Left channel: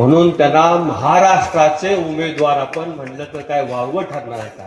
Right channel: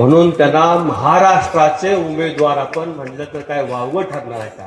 म्हणून त्यांना महाराष्ट्राचे उमेदवार आपण म्हणलं तर काय वावगं ठरणार आहे का?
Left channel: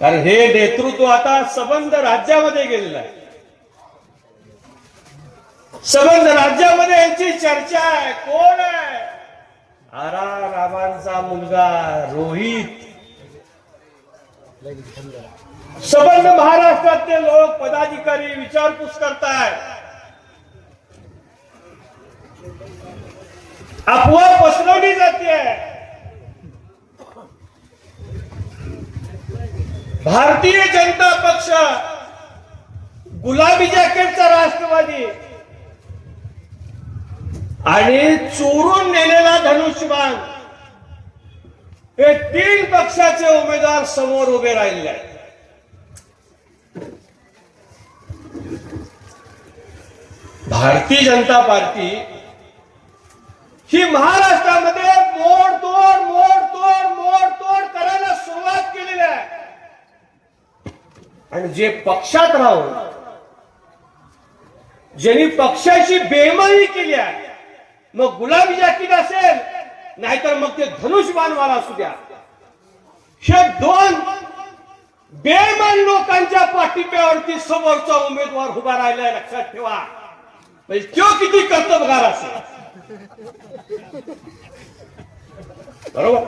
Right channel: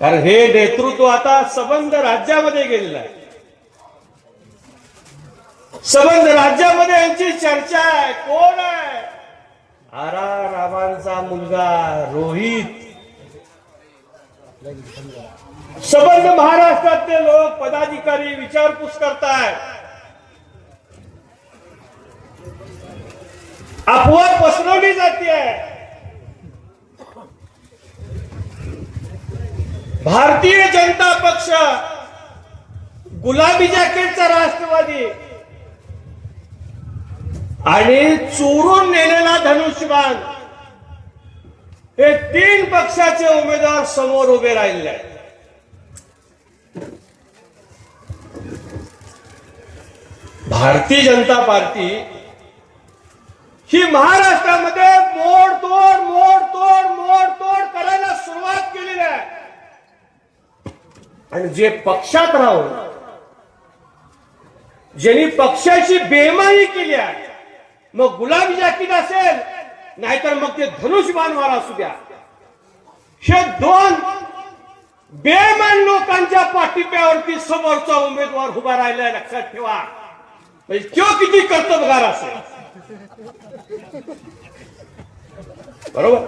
कारण हे नेतृत्व आता सबंध राज्यामध्ये गेलेलं आहे. सबंध राज्यामध्ये यांची चर्चा आहे. कोण आहे? आरा रामांचा मुलगा रोहित. सबंध महाराष्ट्रातले लोक पदाधिकारी विचारपूस करताय अफवा पसरवली जाते. भारतीय जनता पक्ष गुलाबी जॅकेटचा राष्ट्रवादी आणि चोरून नेलेला धनुष्यबाण हे तीन पक्षाचे उमेदवार समोर उभे राहिले आहेत. भारतीय जनता पार्टी ही महाराष्ट्रामध्ये मोडतोड मोडतोड मोडतोड करायला सुरुवात केलेली आहे. आणि जे पक्षात राहून ज्यांनी पक्षाची बेमानी केली आहे मग गुलाबी जातीत असेल नाहीतर मग ते धनुष धनुष्यबाणवाला असू द्या. हे दोन बेमान लोकांच्या पाठिंब्यावरती समोरचा उमेदवार उभा राहिलाय लक्षात ठेवा. म्हणजे तो किती कर्तबगार असेल. बरोबर.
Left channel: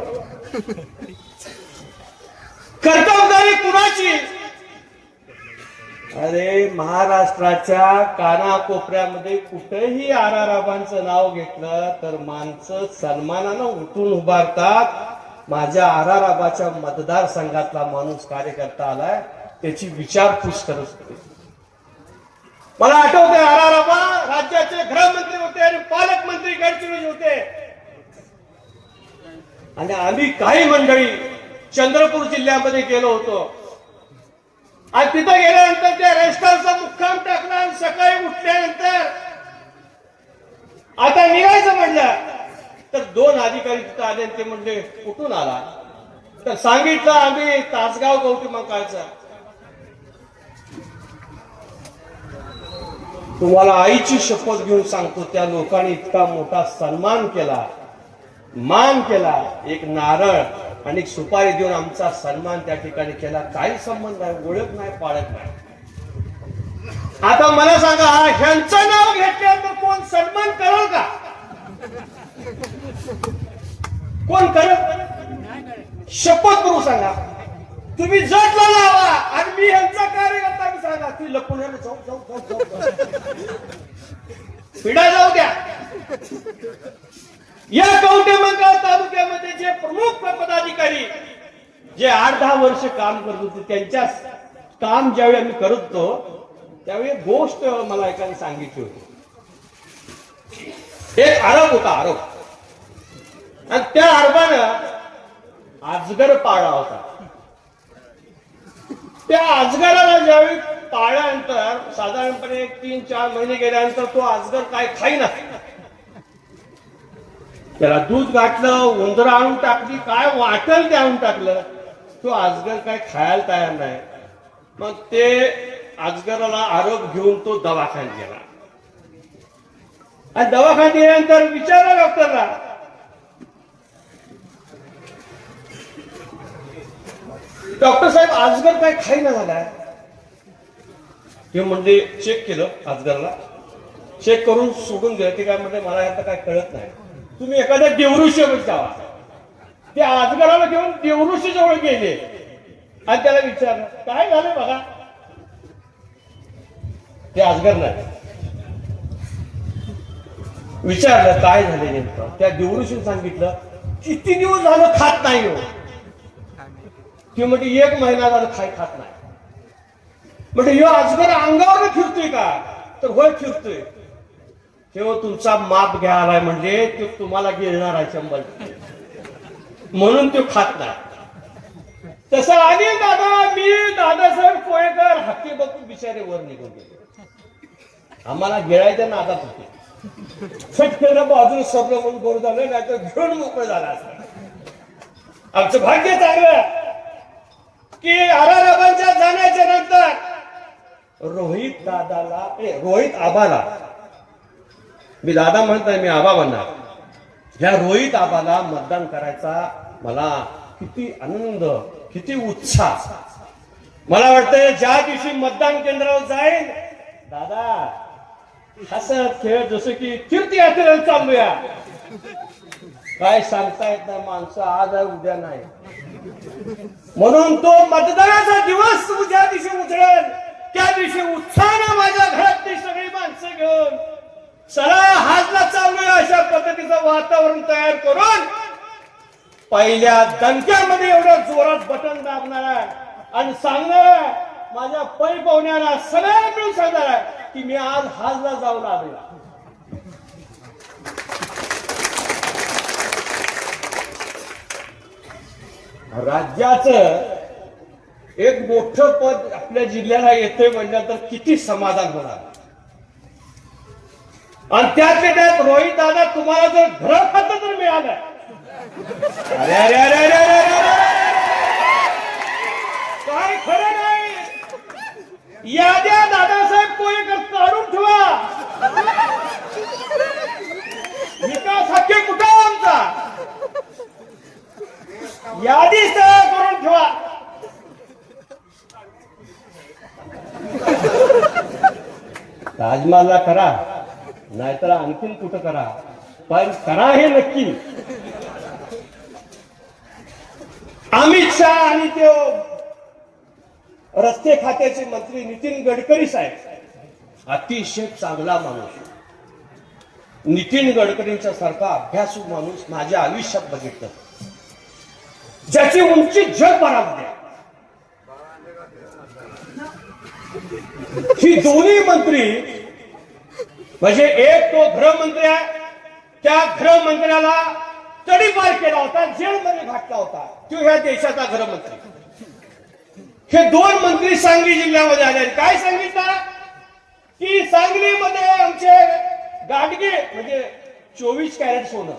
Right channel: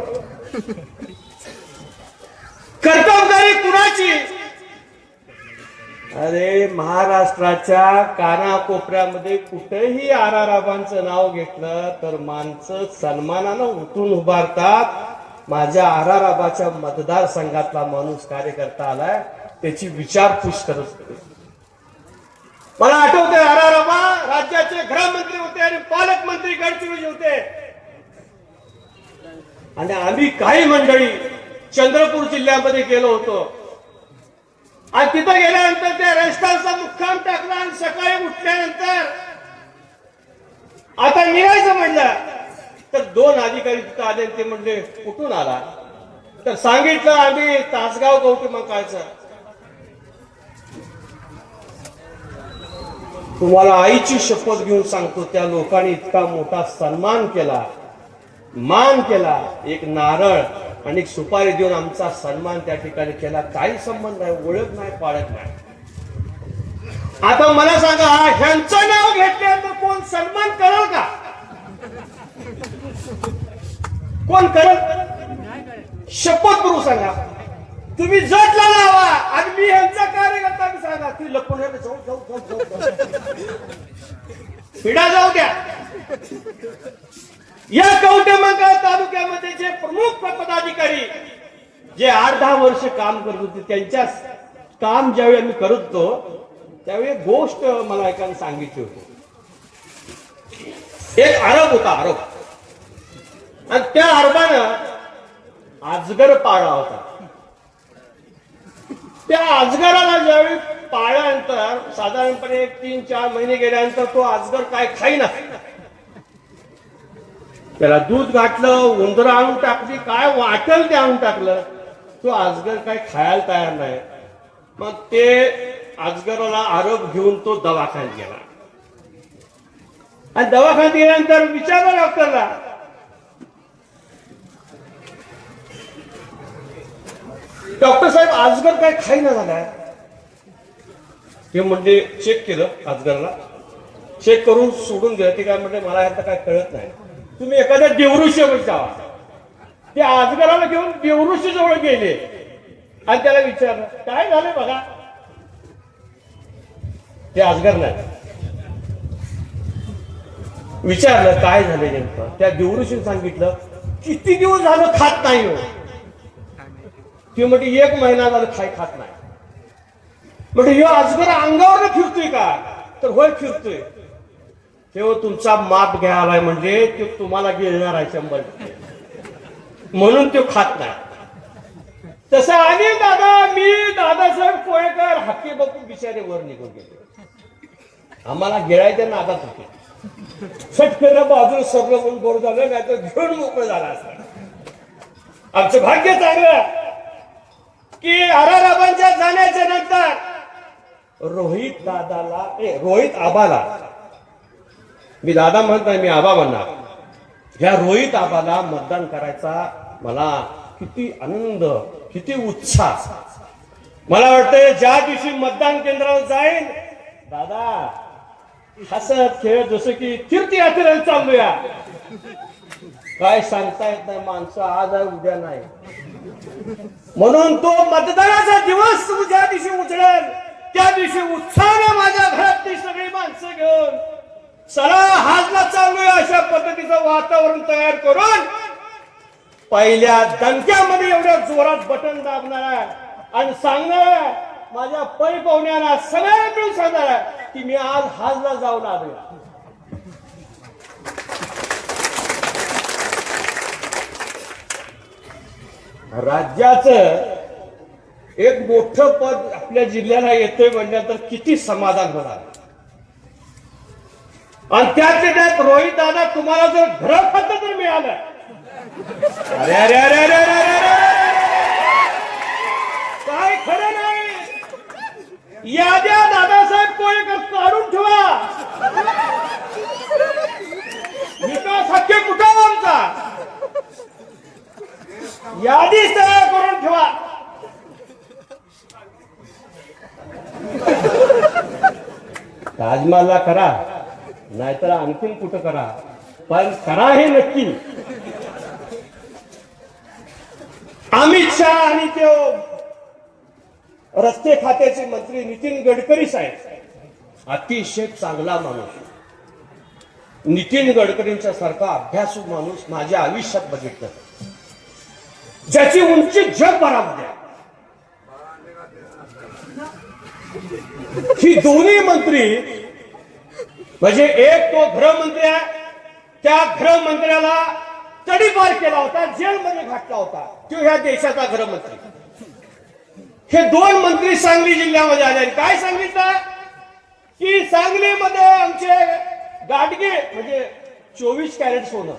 कर्तबगारी कुणाची? अरे महाराष्ट्राच्या कानाकोपऱ्यामध्ये कुठेही आराराबांचं नाव घेतलं तर माणसं सन्मानानं उठून उभारतात. माझ्या आराराबाच्या मतदारसंघातला माणूस कार्यकर्ता आलाय त्याची विचारपूस करत मला आठवतंय आराराबा राज्याचे गृहमंत्री होते आणि पालकमंत्री गडचिरोली होते. आणि आम्ही काही मंडळी चंद्रपूर जिल्ह्यामध्ये गेलो होतो. आणि तिथं गेल्यानंतर त्या रेस्टॉरंटचा मुक्काम टाकला आणि सकाळी उठल्यानंतर आता निघायचं म्हणलं तर दोन अधिकारी तिथं आले ते म्हणले कुठून आला तर सांगितलं आम्ही तासगाव गौतम तुम्हाला आईची शपथ घेऊन सांगतो त्या लोकांनी इतका मोठा सन्मान केला. मान केला. एक नारळ आणि सुपारी देऊन आमचा सन्मान त्या ठिकाणी केला. काही संबंध आहे ओळख नाही पाळत नाही. आता मला सांगा हा ह्यांचं नाव घेतल्यानंतर कोण सन्मान करेल का? कोण करत शपथ करू सांगा. तुम्ही जटला लावा. आणि मी यांचा कार्यकर्ता मी सांगा ती लपून जाऊ जाऊ जाऊ पिढा जाऊ द्या. या कवटेमंगळ तालुक्यामध्ये जे प्रमुख पदाधिकारी जे आठ दहा वर्ष काम करत होते त्यांच्या काम ज्यावेळी आम्ही करत होतो त्यावेळी गोष्ट मला एकाने सांगितली होती. एक आरोप होता आरोप. आणि त्या आरोपानं आजगर पाळला होता. त्या अजगराला ज्यावेळी पाळल्यानंतर साधारणपणे तीन चार महिने गेल्यानंतर तो अजगर काय खाईना. त्याला दूध घातलं उंदर आणून टाकली काय वाटल ते आणून टाकलं तो अजगर काय खायला तयार नाही. मग ते अजगराला आरोप घेऊन तो दवाखान्यात गेला. आणि दवाखान्यात गेल्यानंतर विचारलं डॉक्टरला डॉक्टर साहेब आजगर काय खाईना झालाय ते म्हणजे चेक केलं आजगरला. चेक करून सोडून गेलं. ते काय म्हणजे मला आता काय कळत नाही. तुम्ही एखाद्या देवऋषीवर जावा. ते आजगराला घेऊन देवऋषी जवळ गेले. आणि त्याला विचारलं काय झालं बघा ते आजगर नाही. विचारलं काय झालं नेमकं? त्या देवऋषीने सांगितलं किती दिवस झालं खात नाही हो? ती म्हणजे एक महिना झालं खाय खात नाही. म्हणजे हे अजगर अंगावर फिरतोय का तर होय फिरतोय. तेव्हा तुमचा माप घ्यायलाय म्हणजे तो तुम्हाला गिळणार आहे शंभर म्हणून तो खात नाही. तसं आणि दादा मी दादासाहेब कोळेकर हक्की बघून बिचारे वर निघून गेले. आम्हाला गिळायच्या नादात होते. फटकन बाजूला सगळं म्हणून बरं झालं नाही तर घेऊन मोकळं झालं असं आमचं भाग्य चांगलं की आराराबांच्या जाण्याच्या नंतर रोहित दादाला ए, रोहित आबाला. मी दादा म्हणत नाही मी आबा म्हणणार. ह्या रोहित आबाला मतदान करायचा मला किती आनंद किती उत्साह. मला वाटतं ज्या दिवशी मतदान केंद्रावर जाईल दादा हसत खेळ जसं की तीर्थयात्रेला चालूया. काय सांगता येत नाही माणसं आज आहे उद्या नाही. म्हणून तो मतदानाचा दिवस ज्या दिवशी उजळेल. त्या दिवशी उत्साहानं माझ्या घरातली सगळी माणसं घेऊन चला हाजला चालू अशा पद्धतीचं वातावरण तयार करून. पहिल्या दणक्यामध्ये एवढं जोरात बटन दाबणार आहे. आणि सांगणार माझ्या पै पाहुण्यांना सगळ्यांनी सांगणार आहे की मी आज हाजला जाऊन आलो राज्याचं एक मोठं पद आपल्या जिल्ह्याला येते म्हणल्यानंतर किती समाधान होणार? आणि त्यात त्यात रोहित दादा तुम्हाला जर घर पत्र तर मिळालं. अरे अरे अरे काय खरं नाही याद्या दादासाहेब कोळीकर काढून ठेवा विकास हक्के कुठं आहे आमचा यादी तयार करून ठेवा ताजमहलला करा. नाहीतर आणखीन कुठं करा. पण करा हे नक्की. अमित शहा आणि ते रस्ते खात्याचे मंत्री नितीन गडकरी साहेब. अतिशय चांगला माणूस. नितीन गडकरींचा सारखा अभ्यासू माणूस माझ्या आयुष्यात बघितलं. ज्याची उंची जग ही दोन्ही मंत्री म्हणजे एक तो गृहमंत्री आहे. त्या गृहमंत्र्याला तडीपार केला होता जेलमध्ये घातला होता. तो ह्या देशाचा गृहमंत्री. हे दोन मंत्री सांगली जिल्ह्यामध्ये आले. काय सांगितलं? की सांगलीमध्ये आमचे गाडगे म्हणजे चोवीस कॅरेट सोनं.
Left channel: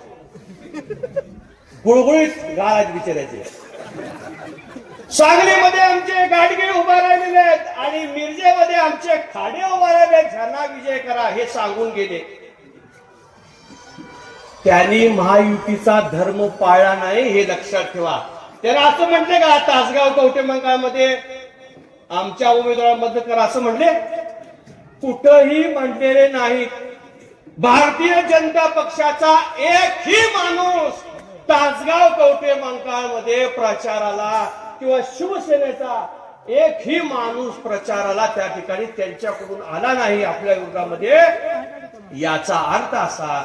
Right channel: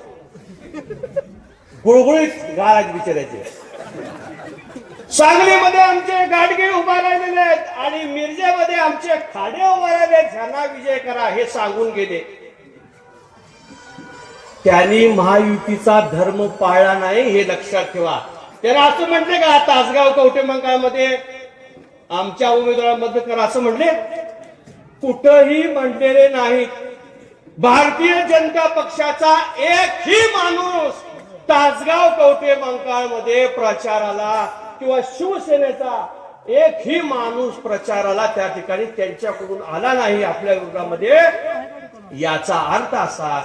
गुळगुळीत गाळात विचारायचे. सांगलीमध्ये आमचे गाडगे उभा राहिलेले आहेत आणि मिरजेमध्ये आमचे खाडे उभा राहिले आहेत. ह्यांना विजय करा हे सांगून गेले. त्यांनी महायुतीचा धर्म पाळला नाही हे लक्षात ठेवा. त्याला असं म्हटले का तासगाव कवटे आमच्या आमच्या उमेदवारामध्ये करा असं म्हटले कुठंही म्हटलेले नाहीत भारतीय जनता पक्षाचा एकही माणूस तासगाव कवटेमंकाळमध्ये प्रचाराला किंवा शिवसेनेचा एकही माणूस प्रचाराला त्या ठिकाणी त्यांच्याकडून आला नाही आपल्या युगामध्ये याचा अर्थ असा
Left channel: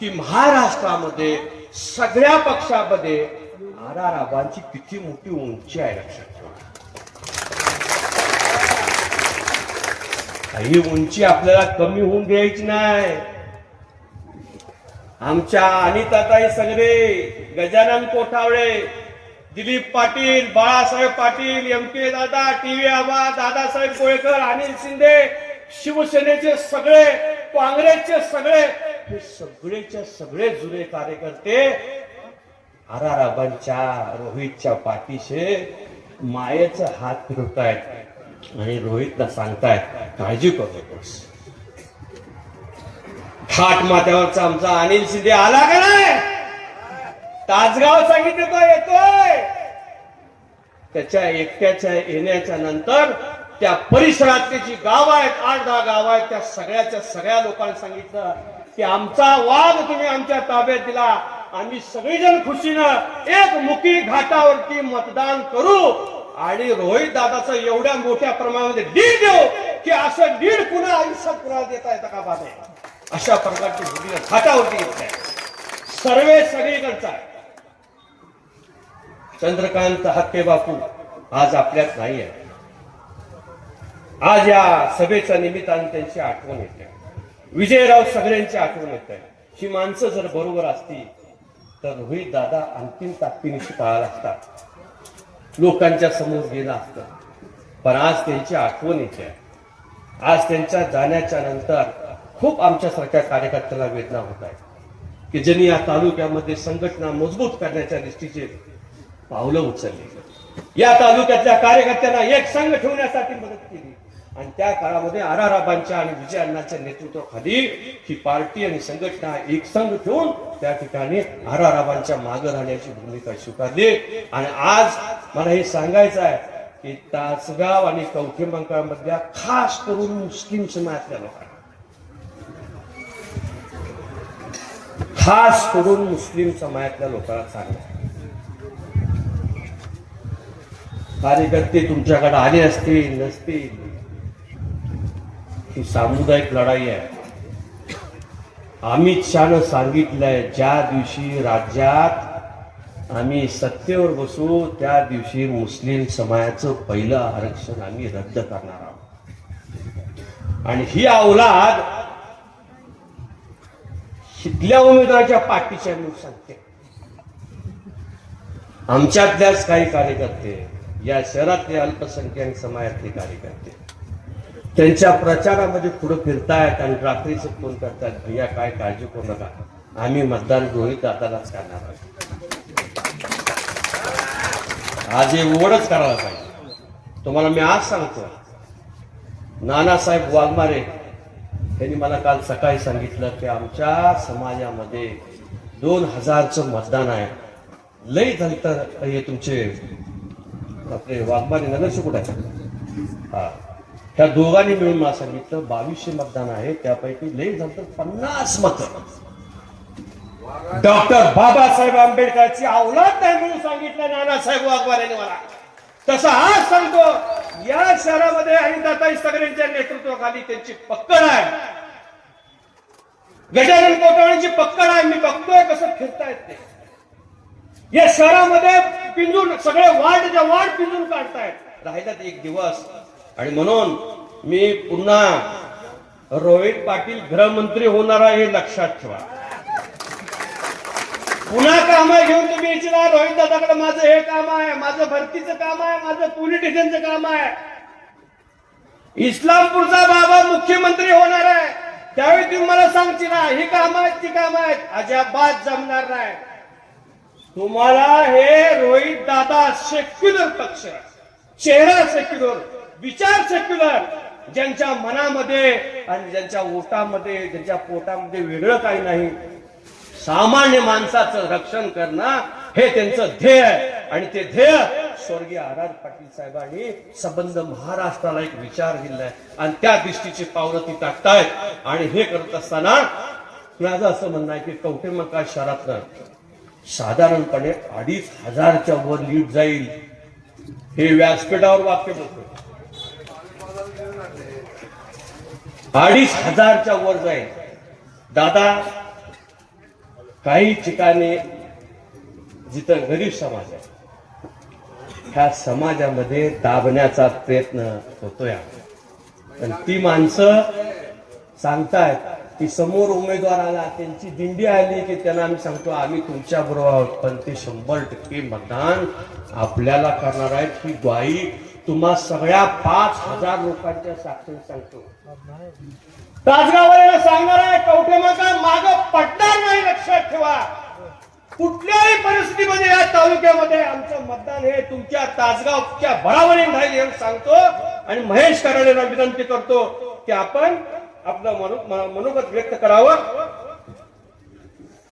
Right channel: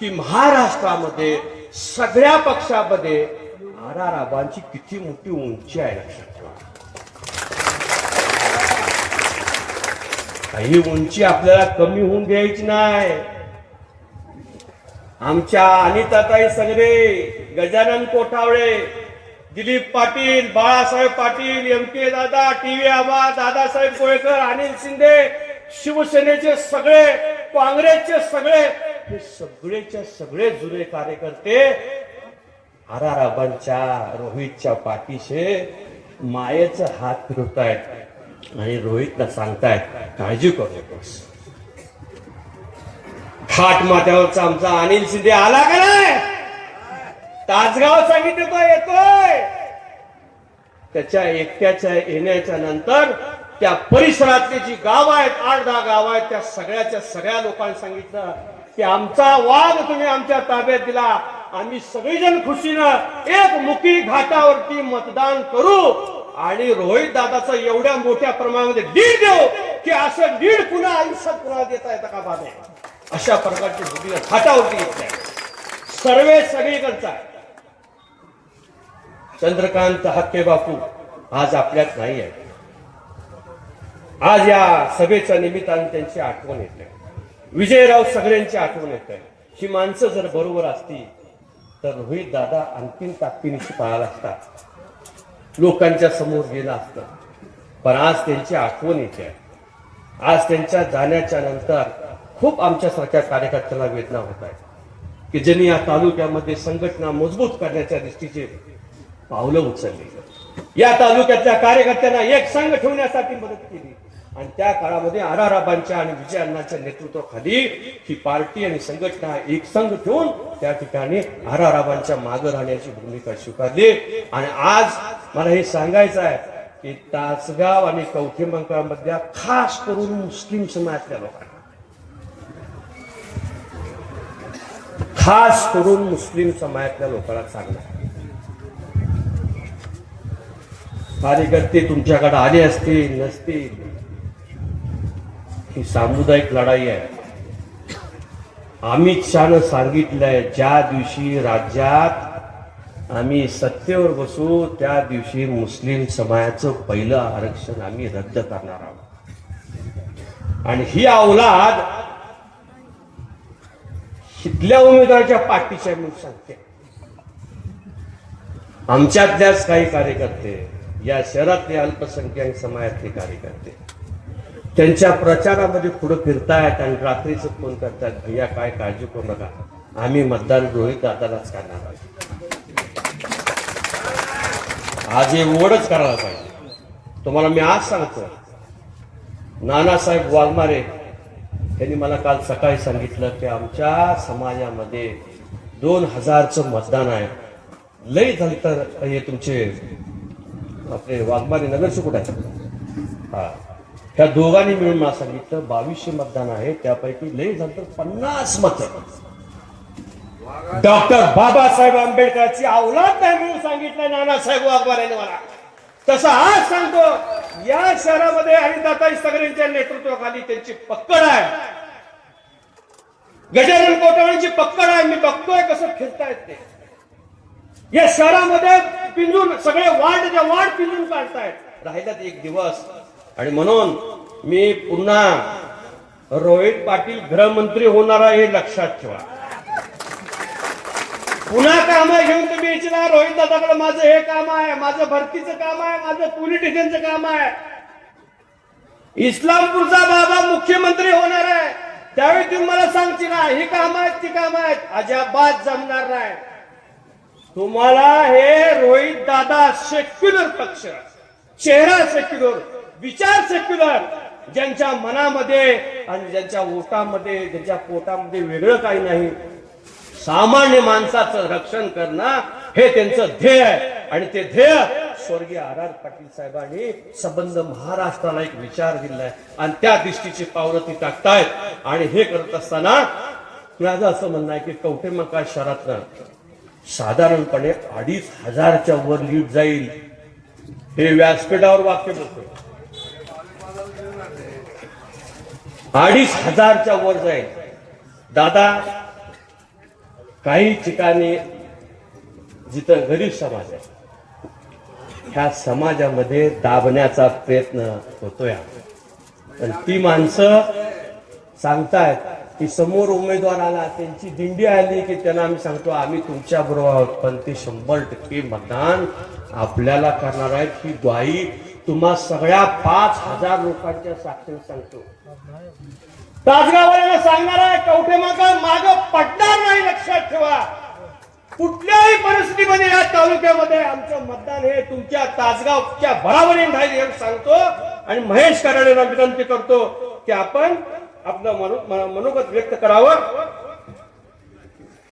की महाराष्ट्रामध्ये सगळ्या पक्षामध्ये आराराबांची किती मोठी उंची आहे. लक्षात ही उंची आपल्याला कमी होऊन द्यायची नाही. आमच्या अनिताताई सगळे Gajanan Kothawale Dilip Patil Balasaheb Patil M K Dada T V Aba Dadasaheb Kolekar Anil Shinde शिवसेनेचे सगळे काँग्रेसचे सगळे हे सगळेचे सगळे जुने कार्यकर्ते आराराबांच्या रोहितच्या पाठीशे मायेचा हात फिरवतायत आणि रोहितला सांगतायत काळजी करू नकोस. थाट माथ्यावरचा आमचा अनिल शिंदे आला का नाही? तासगाव सांगितलं तो येतोय. त्याच्या एकट्याच्या येण्याच्या नंतर त्या परिसरातले जी गाव आहेत आठ दहा गाव आहेत त्या सगळ्याच्या सगळ्या लोकांनी सांगितलं की आमचा वाघ तुम्ही आमच्या ताब्यात दिला. आम्ही सगळेजण खुशीनं एक मुकी घाटावरती मतदान करू आणि रोहित दादाचं एवढ्या मोठ्या प्रमाणामध्ये डीड देऊ की असं डीड पुन्हा आयुष्यात पुन्हा देता येतं का बाबा? अशा प्रकारची भूमिका घाटावरती येत आहे सर्वे सगळीकडचा. आहे. चंद्रकांत हक्के बापू आज आपल्यात नाही आहे. आज या सभेच्या निमित्ताने त्यांची आठवण येते विजयराव सगळ्यांची आठवण येत आहे. ही माणसं जर बरोबर असती तर रोहित दादा अंतिम ताकदीनिशी पळाला असता. लोकांच्या समोर गेला असतं. पण आज त्यांची आठवण येते आज त्यांच्या जाण्याच्या नंतर खूप आमच्यासारख्या कार्यकर्त्यांना वेदना होत आहे की ज्यांनी या तालुक्यामध्ये संघटना मजबूत करण्याच्या दृष्टीचे पावलं उचलली. या तालुक्यातल्या कार्यकर्त्यांना एक संघ ठेवण्यासाठी मदत केली. आणि त्या काळामध्ये आराराबांच्या आणि विजय अण्णाच्या नेतृत्वाखाली ही पार्टी आणि संघटना एक संघ ठेवून त्या ठिकाणी आराराबांच्या मागे राहण्याची भूमिका स्वीकारली. आणि आज मला हे सांगायचं आहे की तासगाव आणि कवठे खास करून मुस्लिम समाजातल्या लोकांना खास करून मुस्लिम समाजातल्या लोकांना सांगणार. कार्यकर्ते तुमच्याकडे आले असतील नसतील. ही सामुदायिक लढाई आहे. अमित शहानं सांगितलंय ज्या दिवशी राज्यात आम्ही सत्तेवर बसू त्या दिवशी मुस्लिम समाजाचं पहिलं आरक्षण आम्ही रद्द करणार आहोत. आणि ही औलाद इथल्या उमेदवाराच्या पाठीच्या मी सांगते आमच्यातल्याच काही कार्यकर्ते या शहरातले अल्पसंख्याक समाजातले कार्यकर्ते. त्यांच्या प्रचारामध्ये पुढे फिरतायत आणि रात्रीचे फोन करतात भैया काय काळजी करू नका. आम्ही मतदान डोळी दादालाच करणार आहोत. आज हे उघडच करायला पाहिजे. तुम्हाला मी आज सांगतो नानासाहेब वाघमारे त्यांनी मला काल सकाळी सांगितलं की आमच्या समाजामध्ये दोन हजारचं मतदान आहे. लई झालं हे तुमचे आपले वाघमारे नगरचे कुठे आहे? हा. त्या दोघांनी मिळून मला सांगितलं बावीसशे मतदान आहे त्यापैकी लई झालं तर पन्नास मत डॉक्टर बाबासाहेब आंबेडकरची औलाद नाही म्हणून सांगितलं नानासाहेब वाघमारेने मला. तसं आज सांगतो या शहरामध्ये हरिदाताई सगळ्यांच्या नेतृत्वाखाली त्यांची पक्कड आहे. गजानन कोटवळीची पक्कड आहे मी बघतोय कसं फिरतायत ते. या शहरामध्ये पिंजून सगळे वार्ड वार्ड पिंजून काढतायत. राहिल्यात एक दिवस. आणि म्हणून मी पुन्हा रोहित पाटील गृहमंत्री होणार आहे हे लक्षात ठेवा. पुन्हा काम घेऊन तुम्ही इच्छा रोहित दादाकडे माझं हे काम आहे माझं भरतीचं काम आहे माझं पोलिटिशियनचं काम आहे. इस्लामपूरचा बाबा मुख्यमंत्री होणार आहे. त्यावेळी तुम्ही मला सांगची ना ही काम आहेत ती काम आहेत. अजाबात जमणार नाही. तुम्हाला हे रोहित दादा सेक्युलर पक्ष चेहरा सेक्युलर विचार सेक्युलर ज्यांच्या मनामध्ये आणि ज्यांच्या ओटामध्ये ज्यांच्या पोटामध्ये वेगळं काही नाही. सामान्य माणसाचं रक्षण करणं हे त्यांचं ध्येय आहे. आणि ते ध्येय स्वर्गीय आर आर पाटील साहेबांनी संबंध महाराष्ट्राला एक विचार दिलाय. आणि त्या दृष्टीची पावलं ती टाकतायत. आणि हे करत असताना माझं असं म्हणणं आहे की कवटेमका शहरातनं साधारणपणे अडीच हजारच्या वर लीड जाईल. हे व्यासपीठावर वाक्य बोलतो अडीच हजारच्या वर जाईल. दादा काही ठिकाणी जिथं गरीब समाज आहे ह्या समाजामध्ये दाबण्याचा प्रयत्न होतोय. पण ती माणसं सांगतायत की समोर उमेदवार आला त्यांची दिंडी आली की त्यांना आम्ही सांगतो आम्ही तुमच्या बरोबर आहोत पण ते शंभर टक्के मतदान आपल्याला करणार आहेत. ही ग्वाही तुम्हा सगळ्या पाच हजार लोकांच्या साक्षीने सांगतो. राजगावाला सांगणार आहे कवठे माता माग पडणार नाही लक्षात ठेवा. कुठल्याही परिस्थितीमध्ये या तालुक्यामध्ये आमचं मतदान हे तुमच्या तासगावच्या बराबरीने राहील सांगतो. आणि महेश कराडेला विनंती करतो की आपण आपलं मनो- मनोगत व्यक्त करावं.